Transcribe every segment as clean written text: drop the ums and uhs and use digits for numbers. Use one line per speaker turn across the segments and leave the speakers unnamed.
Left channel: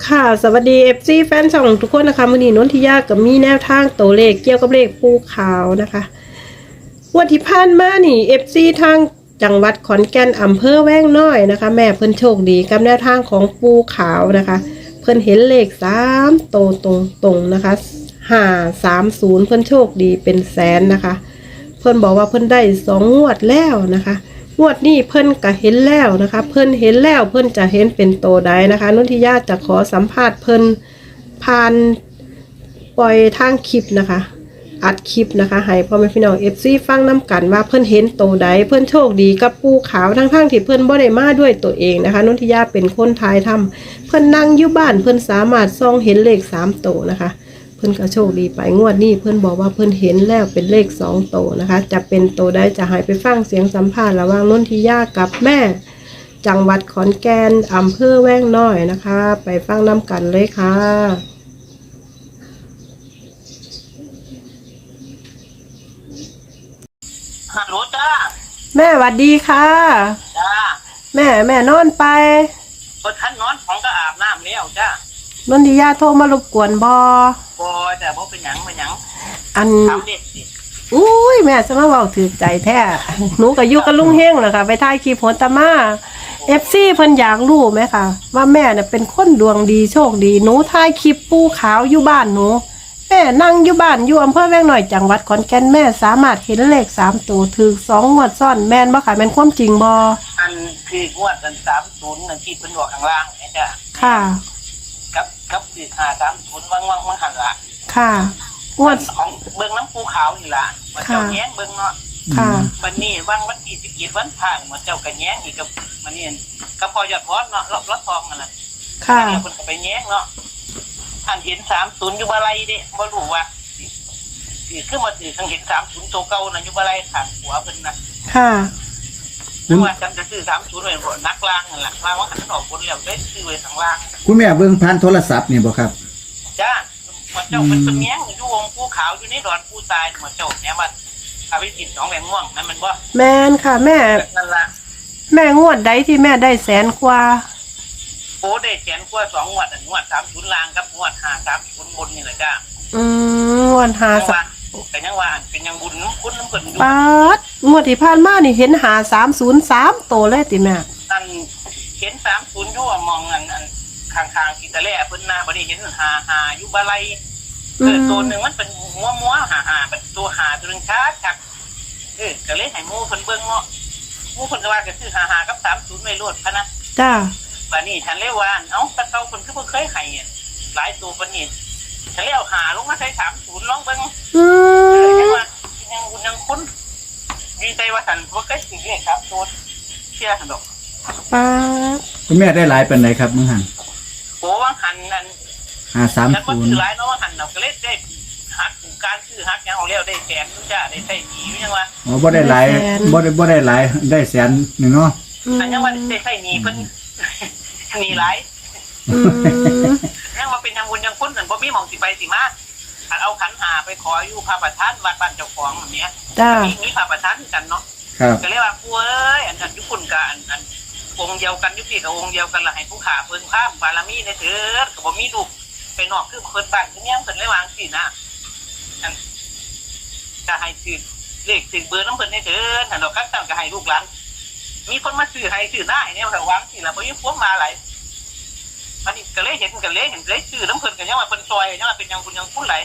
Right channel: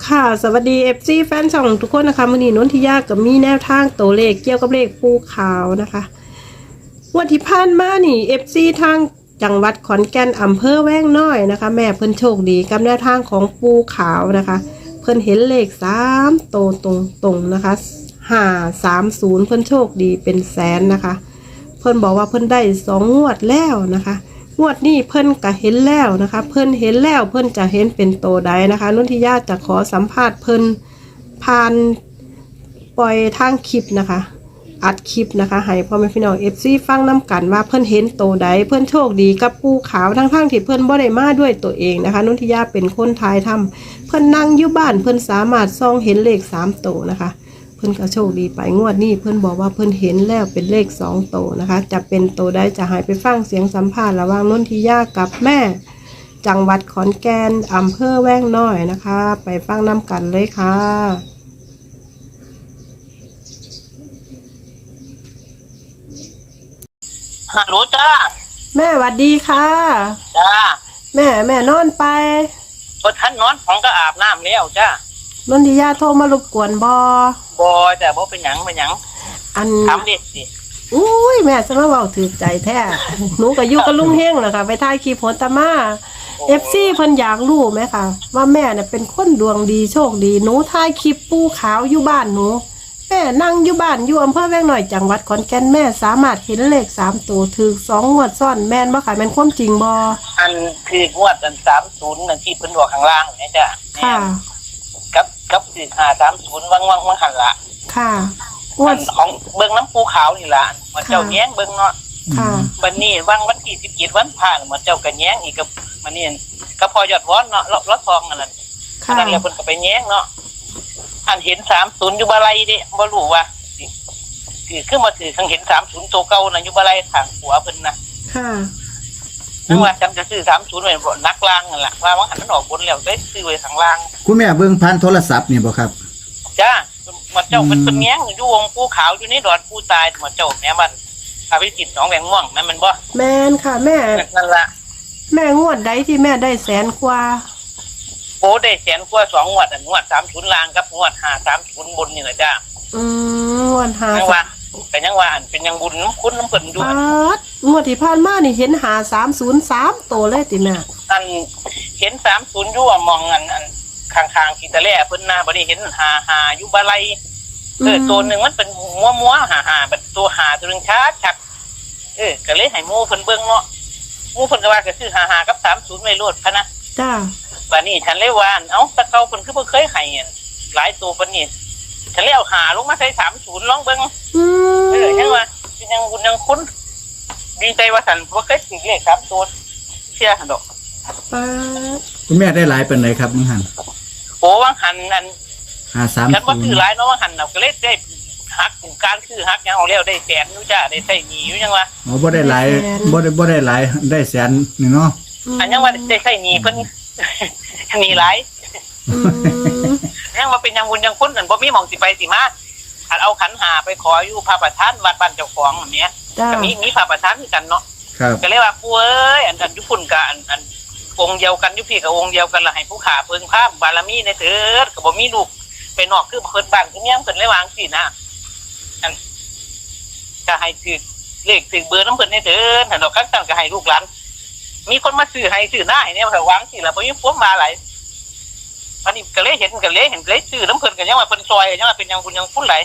ค่ะสวัสดี FC แฟนช่องทุกคนนะคะมื้อนี้นนทิยากับมีแนวทางตัวเลขเกี่ยวกับเลขภูเขานะคะวันที่ผ่านมานี่ FC ทางจังหวัดขอนแก่นอำเภอแว้งน้อยนะคะแม่เพิ่นโชคดีกับแนวทางของภูเขานะคะเพิ่นเห็นเลข3ตัวตรงๆนะคะ530เพิ่นโชคดีเป็นแสนนะคะเพิ่นบอกว่าเพิ่นได้2งวดแล้วนะคะงวดนี้เพิ่นก็เห็นแล้วนะคะเพิ่นเห็นแล้วเพิ่นจะเห็นเป็นโตใดนะคะนุทิยาจะขอสัมภาษณ์เพิ่นผ่านปล่อยทางคลิปนะคะอัดคลิปนะคะให้พ่อแม่พี่น้อง FC ฟังน้ำกันว่าเพิ่นเห็นโตใดเพิ่นโชคดีกับปูขาวทั้งที่เพิ่นบ่ได้มาด้วยตัวเองนะคะนุทิยาเป็นคนทายทำเพิ่นนั่งอยู่บ้านเพิ่นสามารถส่องเห็นเลข3โตนะคะเพิ่นก็โชคดีไปงวดนี้เพิ่นบอกว่าเพิ่นเห็นแล้วเป็นเลข2โตนะคะจะเป็นโตได้จะหายไปฟังเสียงสัมภาษณ์ระหว่างนนทิยากับแม่จังหวัดขอนแก่นอำเภอแว้งน้อยนะคะไปฟังน้ำกันเลยค่ะ
ฮัลโหลจ้า
แม่หวัดดีค่ะ
จ้า
แม่นอนไป
พอท่านนอนของก็อาบน้ำแล้วจ้าน
นทิยาโทรมารบกวนบ
บ่จ้าบ่เป็นหยัง
อัน
ถามเด็ดสิ
อุ้ยแม่จะมาบอกถือใจแท้หนูก็อยู่กับลุงเฮงแหละค่ะไปถ่ายคลิปโหนตามาFC เพิ่นอยากรู้ไหมค่ะว่าแม่เนี่ยเป็นคนดวงดีโชคดีหนูถ่ายคลิปปูขาวอยู่บ้านหนูแม่นั่งอยู่บ้านอยู่อำเภอแว้งน้อยจังหวัดขอนแก่นแม่สามารถเห็นเลข3ตัวถือ2งวดซ้อนแม่นบ่ค่ะแม่นความจริงบ่
อันคืองวดอัน30นั่นที่เพิ่นบอกข้างล่างเนี่ยจ้า
ค่ะ
กับ530วังหันละ
ค่ะงวด
ของเบิ่งน้ำปูขาวนี่ล่ะมันเจ้าแย้งเบิ่งเนาะ
ค่ะ
วันนี้วันที่17วันผ่านมันเจ้าก็แย้งอีกกับมันนี่ก็พอยอดวอนเนาะรถทองนั่นน่ะ
ค่ะ
แล้วเพิ่นก็ไปแย้งเนาะอันเห็น30อยู่บ่ไรเด้บ่รู้ว่าคือมาถือข้างเห็น30ตัวเก่านะอยู่บ่ไรทางหัวเพิ่นนะ
ค่ะ
นึกว่าจำจะซื้อ30ไว้บ่นักล่างนั่นแหละว่าหันมันออกบนแล้วได้ซื้อไว้ข้างล่าง
คุณแม่เบิ่งผ่านโทรศัพท์นี่บ่ครับ
จ้ามันเจ้าเป็นแง้งอยู่วงภูขาวอยู่ในดอนผู้ตายมันเจ้าแม่มันพาไปกิน2แหวงม่วงนั่นมันบ่
แม่นค่ะแม่
นั่นล่ะ
แม่งวดใดที่แม่ได้แสนกว่า
โอ้ได้แสนกว่า2งวดอันงวด30ล่างกับงวด530บนนี่แหละจ้
างวด5
ก็ยังว่าอันเป็นยังบุญน้ำคุณน้ำเพิ่นอยู่
งวดที่ผ่านมานี่เห็น530 3โตเลยติแม่
อันเห็น30อยู่มองอันข้างๆกีตาแลเพิ่นน่ะบ่ได้เห็น55อยู่บ่ไรตัวนึงมันเป็นมัวๆ55เป็นตัว5ตัวนึงชัดก็เลยให้หมู่เพิ่นเบิ่งเนาะหมู่เพิ่นก็ว่าก็ซื้อ55กับ30ไว้โลดพะนะ
จ้า
บัดนี้ฉันเลยว่าเอ้าตะเกาเพิ่นคือบ่เคยให้หลายตัวปานนี้ฉันเลยเอา5ลงมาใส่30ลองเบิ่งยังว่ายังบุญยังคุณดีใจว่าฉันบ่เคยสิเลข3ตัวเชื่อหั่นดอก
คุณแม่ได้หลายปานใดครับมึงหั่น
โอ้วังหันนั่น
530
ฉันบ่ถือหลายเนาะวังหันน่ะก็เลยได้หักการคือหักยังเอาแล้วได้แสนอยู่จ้าได้ใช้หนี้อยู่ยังว่า
อ๋อบ่ได้หลายบ่ได้หลายได้แสนนึงเนาะ
อันยังว่าได้ใช้หนี้เพิ่นหนี้หลายยังว่าเป็นยังบุญยังคุณนั่นบ่มีหม่องสิไปสิมาอันเอาขันหาไปขออยู่พระประธานวัดบ้านเจ้าของแบบนี้มีพระประธานกันเนาะก็เลยว่ากูเอ้ยอันยุพุ่นกับอันองค์เดียวกันยุพี่กับองค์เดียวกันละให้ผู้ขาเพิ่งภาพบารมีในเถิดก็บ่มีลูกไปนอกคือเพิ่นบ้านคือเนี้ยเพิ่นเลยวางสินะอันก็ให้ถือเลขถือเบอร์น้ำเพิ่นในเถิดถ้าดอกคันสั่งก็ให้ลูกหลานมีคนมาซื้อให้ซื้อหน้าเนี่ยวางสิแล้วบ่มีพวกมาหลายอันนี้ก็เลยเห็นซื้อน้ำเพิ่นกันยังว่าเพิ่นซอยยังว่าเป็นยังบุญยังคุณไหล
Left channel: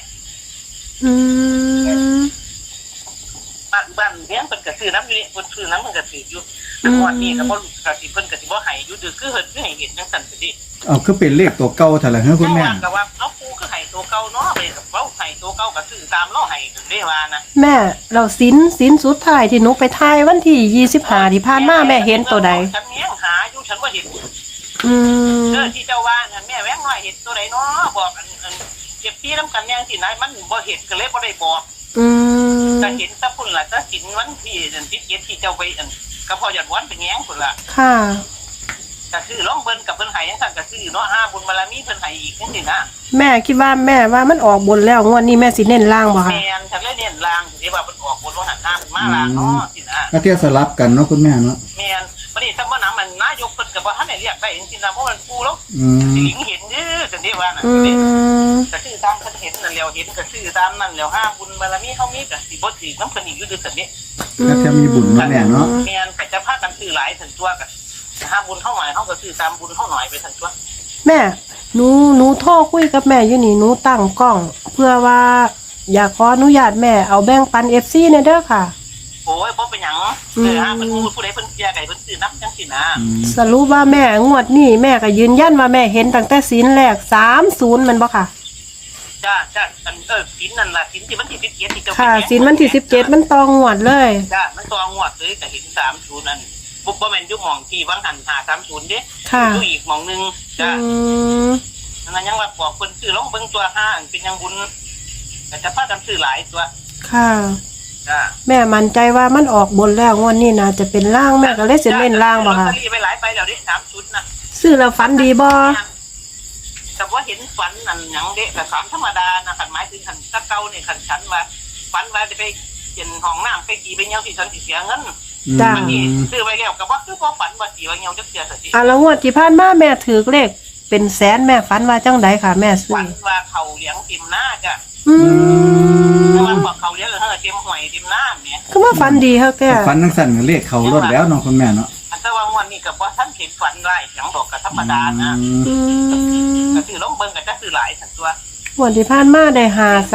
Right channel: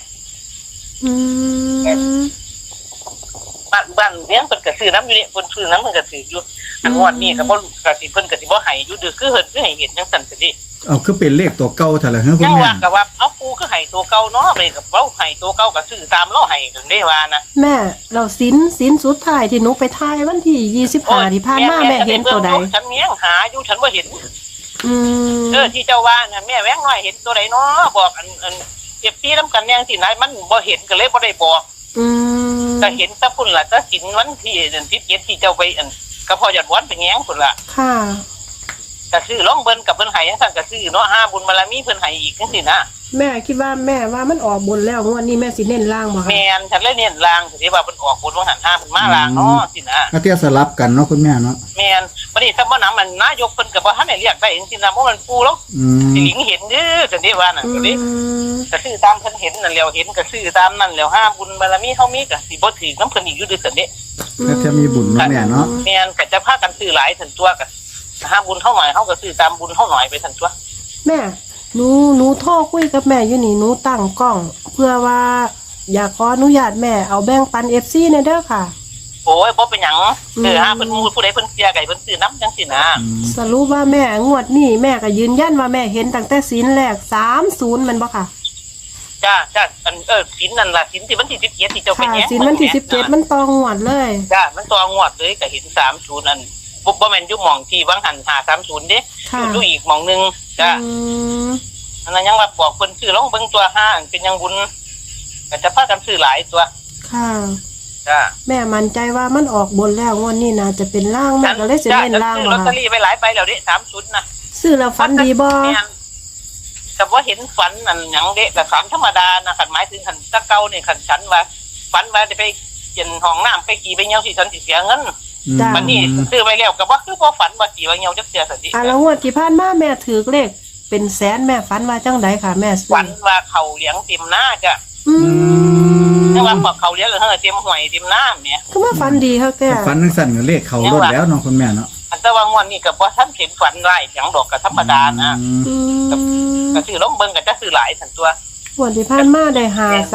บ้านเลี้ยงเพิ่นก็ซื้อน้ำอยู่นี่เพิ่นซื้อน้ำเพิ่นก็ซื้ออยู่แต่งวดนี้ก็บ่ก็สิเพิ่นก็สิบ่ให้อยู่ดื้อคือเฮ็ดคือให้เห็นจังซั่นซะดิ
คือเป็นเลขตัวเก่าซั่นล่ะเฮ้อคุณแม่
ว่าก็ว่าเอาปูคือให้ตัวเก่าเนาะไปกับเว้าให้ตัวเก่าก็ซื้อตามเราให้ถึงได้ว่านะ
แม่เราสินสุดท้ายที่หนูไปถ่ายวันที่25ที่ผ่านมาแม่เห็นตัวใด
ฉันยังหาอยู่ฉันบ่เห็นที่เจ้าว่าน่ะแม่แว้งน้อยเห็นตัวใดเนาะบอกอันเก็บที่นำกันแย่งสิไหนมันบ่เห็นก็เลยบ่ได้บอกก็เห็นซะพุ่นล่ะถ้าสินวันที่17ที่เจ้าไปอันก็พอยอดวันไปแย้งพุ่นล่ะ
ค่ะ
ก็ซื้อร้องเบิ่นกับเพิ่นให้จังซั่นก็ซื้อเนาะ5บุญบารมีเพิ่นให้อีกจังซี่นะ
แม่คิดว่าแม่ว่ามันออกบนแล้วงวดนี้แม่สิเน้นล่างบ่คะ
แม่นฉันเลยเน้นล่างสิว่าเพิ่นออกบนว่าหัน5เพิ่นมาล่างเนาะสินะ
ก็เที่ยวสลับกันเนาะคุณแม่เนาะ
แม่นบัดนี้ถ้าบ่นำมันนายกเพิ่นก็บ่ทันได้เรียกได้จังซี่นะเพราะมันปูแล้วสิหลิงเห็นเด้อจังนี้ว่าน่ะ
อื
นี่
ม
ก็ซื้อตามเพิ่นเห็นนั่นแล้วเห็นก็ซื้อตามนั่นแล้วห้าบุญบารมีเฮามีก็สิบ่ถือน้ำเพิ่นอีกอยู่ด้วยซั่นนี่
ก็แค่มีบุญนะแม่เนาะ
แม่นก็จะพากันซื้อหลายซั่นตัวก็ห้าบุญเท่าหน่อยเฮาก็ซื้อตามบุญเท่าหน่อยไปซั่นตัว
แม่หนูโทรคุยกับแม่อยู่นี่หนูตั้งกล้อง เพื่อว่าอยากขออนุญาตแม่เอาแบ่งปัน FC ในเด้อค่ะ
โอ้ยบ่เป็นหยังห้าเพิ่นผู้ใดเพิ่นเสียไก่เพิ่นซื้อน้ำจังซี่นะ
สรุปว่าแม่งวดนี้แม่ก็ยืนยันว่าแม่เห็นตั้งแต่ศีลแรก30มันบ่ค่ะ
จ้าอันศีลนั่นล่ะศีลที่วันที่17ที่เจ้าไป
ค่ะ
แย่ง
ศีลวันที่17มันตองงวดเลย
จ้ามันตัวงวดเลยก็เห็น30นั่นบ่แม่นอยู่หม่องที่วังหัน530เด้
ค่ะ
อยู่อีกหม่องนึงจ้า
อืม
อันนั้นยังว่าบอกเพิ่นซื้อลองเบิ่งตัวห้าอันเป็นยังบุญก็จะพากันซื้อหลายตัว
ค่ะ
จ้า
แม่มั่นใจว่ามันออกบนแล้วงวดนี้น่าจะเป็นล่างแม่ก็เลยสิเล่นล่างบ่
ลอต
ค่ะ
เตอรี่ไปหลายใบแล้วเด้30น่ะ
ซื้อแล้วฝันดีบ่
แต่ว่าเห็นฝันนั่นหยังเด้ก็ฝันธรรมดานะคันหมายถึงคันตะเก่านี่คันฉันว่าฝันว่าจะไปเปลี่ยนห้องน้ำไปกี่ไปเหี่ยวสิฉันสิเสียเงิน
จ้า
วันนี้ซื้อไปแล้วก็บ่คือบ่ฝันว่ากี่ว่าเหี่ยวจักเสียสักที
อ่ะแล้วงวดที่ผ่านมาแม่ถือเลขเป็นแสนแม่ฝันว่าจังใดค่ะ แม่ซื้อ
ฝันว่าเขาเลี้ยงเต็มหน้าจ้ะ
อืม
แต่ว่าพอเขาเลี้ยงแล้วเต็มหวยเต็มหน้าเนี่ย
คือว่าฝันดีเฮาแก่
ฝันทั้งสั่นก็เลขเขารถแล้วเนาะคุณแม่เนาะ
อันแต่ว่างวดนี้ก็บ่ทันเห็นฝันหลายเสียงดอกก็ธรรมดานะ
อืม
ก็ซื้อลองเบิ่งก็จะซื้อหลายสันตัว
งวดที่ผ่านมาได้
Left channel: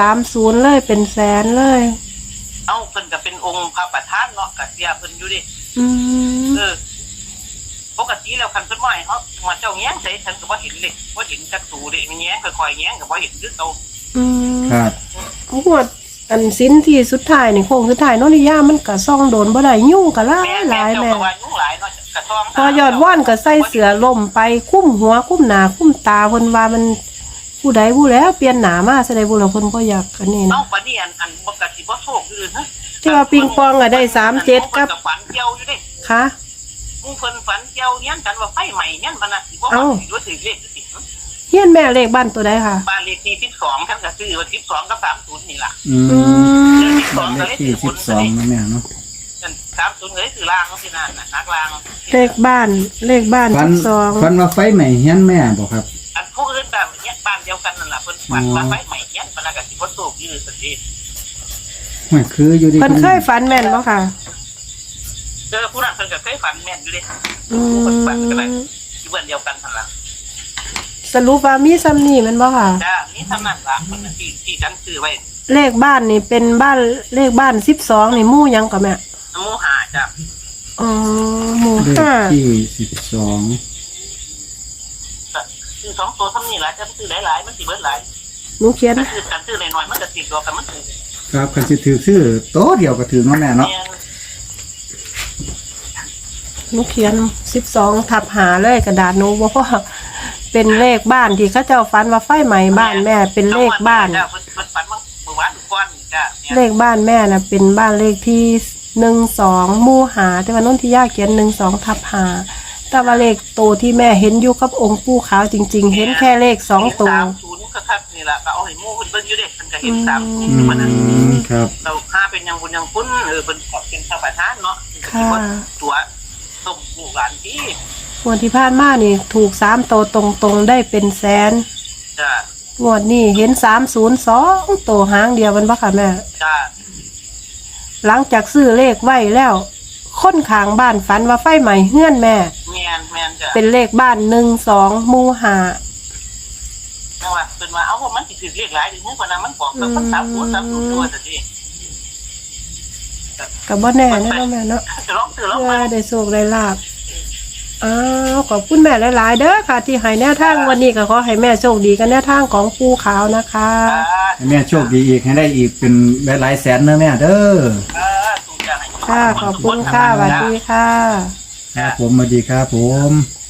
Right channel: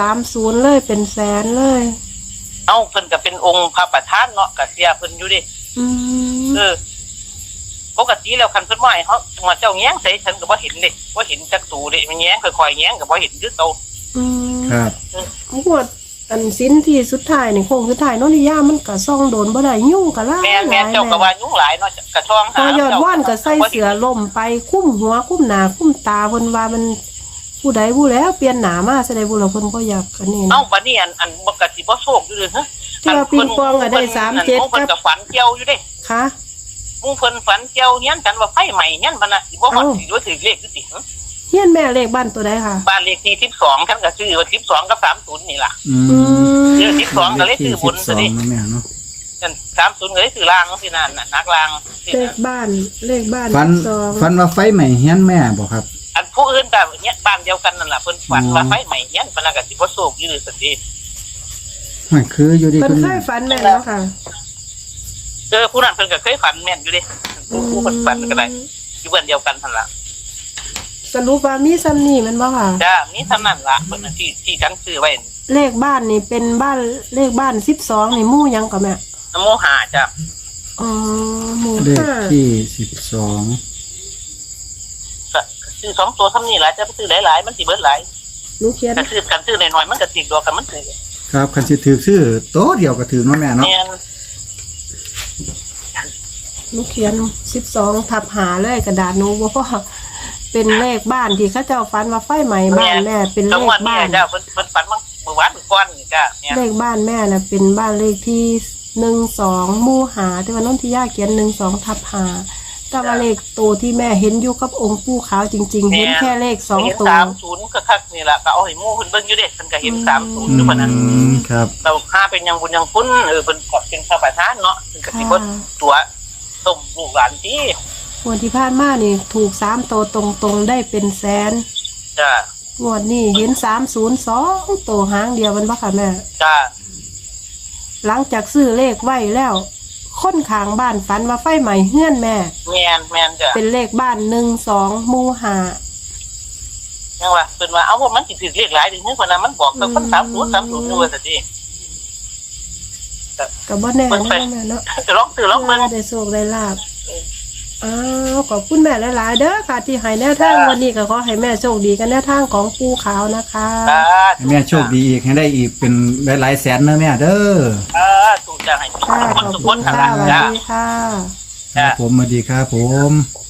530เลยเป็นแสนเลย
เอ้าเพิ่นก็เป็นองค์พระประธานเนาะก็เสียเพิ่นอยู่ดิ
อืม
ปกติแล้วคันเพิ่นว่าให้เฮาจังหวัดเจ้าแย้งใส่ฉันก็บ่เห็นเด้บ่เห็นจักตูเด้มันแย้งค่อยๆแย้งก็บ่เห็นคือเก่า
อืม
ครับ
งวดอันสิ้นที่สุดท้ายนี่โค้งสุดท้ายโนริยามันก็ซ่องโดนบ่ได้ยุ่งก็หลาย
แม่
หลาย
เจ้า
แม่
ก็ว่ายุ่งหลายเนาะกระท้อง
พอยอดว่านก็ใส่เสือล่มไปคุ้มหัวคุ้มหน้าคุ้มตาเพิ่นว่ามันผู้ใดผู้แล้วเปลี่ยนหน้ามาแสดงบ่ล่ะเพิ่นบ่อยากอันนี้
เอ้า
นะ
บัดนี้อันบ่ก็สิบ่โชคอยู่เด้อฮะ
ที่ว่าปิงปองอะได้37กับ
ฝันเกี่ยวอยู่เด้
ค่ะ
มุงเพิ่นฝันเกี่ยวเฮียนกันว่าไฟใหม่เฮียนบ่น่ะสิบ่
เอ้า
สิว่าถือเลขอยู่สิ
เฮียนแม่เลขบ้านตัวใดค่ะ
บ้านเลขที่12ฉันก็ซื้อว่า12กับ30นี่ล่ะ
อืม
ซื้อ12ก็เลย
ที่
ซื้อบุญซะดิ
12นะแม่เนาะ
ฉัน30ก็เลยซื้อล่างสินั่นน่ะนักล่าง
เลขบ้าน
ฝัน
12
ฝันว่าไฟใหม่เฮียนแม่บ่ครับ
อันผู้อื่นก็เนี่ยบ้านเดียวกันนั่นล่ะเพิ่นฝันว่าไฟใหม่เฮียนบ่น่ะก็สิบ่โชคอยู่สิ
มันคืออยู่ดี
เพิ่น
คุณ
เค
แม่
ยฝันแม่นบ่ค่ะ
ผู้นั้นเพิ่นก็เคยฝันแม่นอยู่เด้ผู้เพิ่นฝันก็ได้อยู่บ้านเดียวกันนั่นล่ะ
สรุปว่ามีซ้ำนี่แม่นบ่ค่ะ
จ้ามีเท่านั้นล่ะเพิ่นน่ะที่ฉันซื้อไว้
เลขบ้านนี่เป็นบ้านเลขบ้าน12นี่หมู่หยังก็แม่
นโมหาจ้ะ
อ๋อหมู่
เลข
5
ที่12
ซื้อ2ตัวเท่านี้ล่ะจะซื้อหลายๆมันสิเบิดหลาย
หนูเขียน
กันซื้อน้อยๆมันก็สิดอกกันมันซื้อ
ครับคันสิถือซื้อโตะเดียวก็ถือเนาะแม่เนาะ
แม่น
หนูเขียน12ทับหาเลยกระดาษหนูบ่พอเป็นเลขบ้านที่เขาเจ้าฝันว่าไฟไหม้บ้านแม่เป็นเลขบ้าน
จ้ะเพิ่นฝันเมื่อวานก่อนนี่จ้ะเนี่ย
เลขบ้านแม่น่ะเป็นบ้านเลขที่12หมู่หาแต่ว่านนทิยาเขียน12ทับหาแต่ว่าเลขโตวที่แม่เห็นอยู่กับองค์ปู่ขาวจริง ๆ เห็นแค่เลข2ตัว
30ก็คักนี่ล่ะก็เอาให้หมู่เพิ่นเบิ่งอยู่เด้เพิ่นก็เห็น30
อื
อยู่ปานนั้น
ครับ
เราค่าเป็นยังบุญยังคุณเพิ่นก็เป็นพระประธานเนาะเพิ่นก็สิบ่ตัวต้มลูกหลานที่
งวดที่ผ่านมานี่ถูก3ตัวตรงๆได้เป็นแสน
จ้ะ
งวดนี้เห็น302ตัวหางเดียวมันบ่ค่ะแม่
จ้ะ
หลังจากซื้อเลขไว้แล้วคนข้างบ้านฝันว่าไฟไหม้เฮือนแม่
แม่นจ้ะ
เป็นเลขบ้าน12หมู่ห้า
นั่นว่าเพิ่นว่าเอาว่ามันสิถือเลขหลายถึงเพิ่นน่ะมันบอกกับเพิ่น30อยู่ว่าซั่นดิ
ก็บ่แน่นะแม่เนาะ
จะลองซื้อลอง
เพื่
มา
อได้โชคได้ลาภอ้าวขอบคุณแม่หลายๆเด้อค่ะ ที่ให้แนวทางวันนี้ก็ขอให้แม่โชคดีกันแนวทางของปู่ขาวนะคะ
ให้แม่โชคดีอีกให้ได้อีกเป็นหลายๆแสนเนอะแม่เด้อ
ถูกจ้ะให้
ค่ะขอบคุณค่ะสวัสดีค่ะ
ครับผมสวัสดีครับผม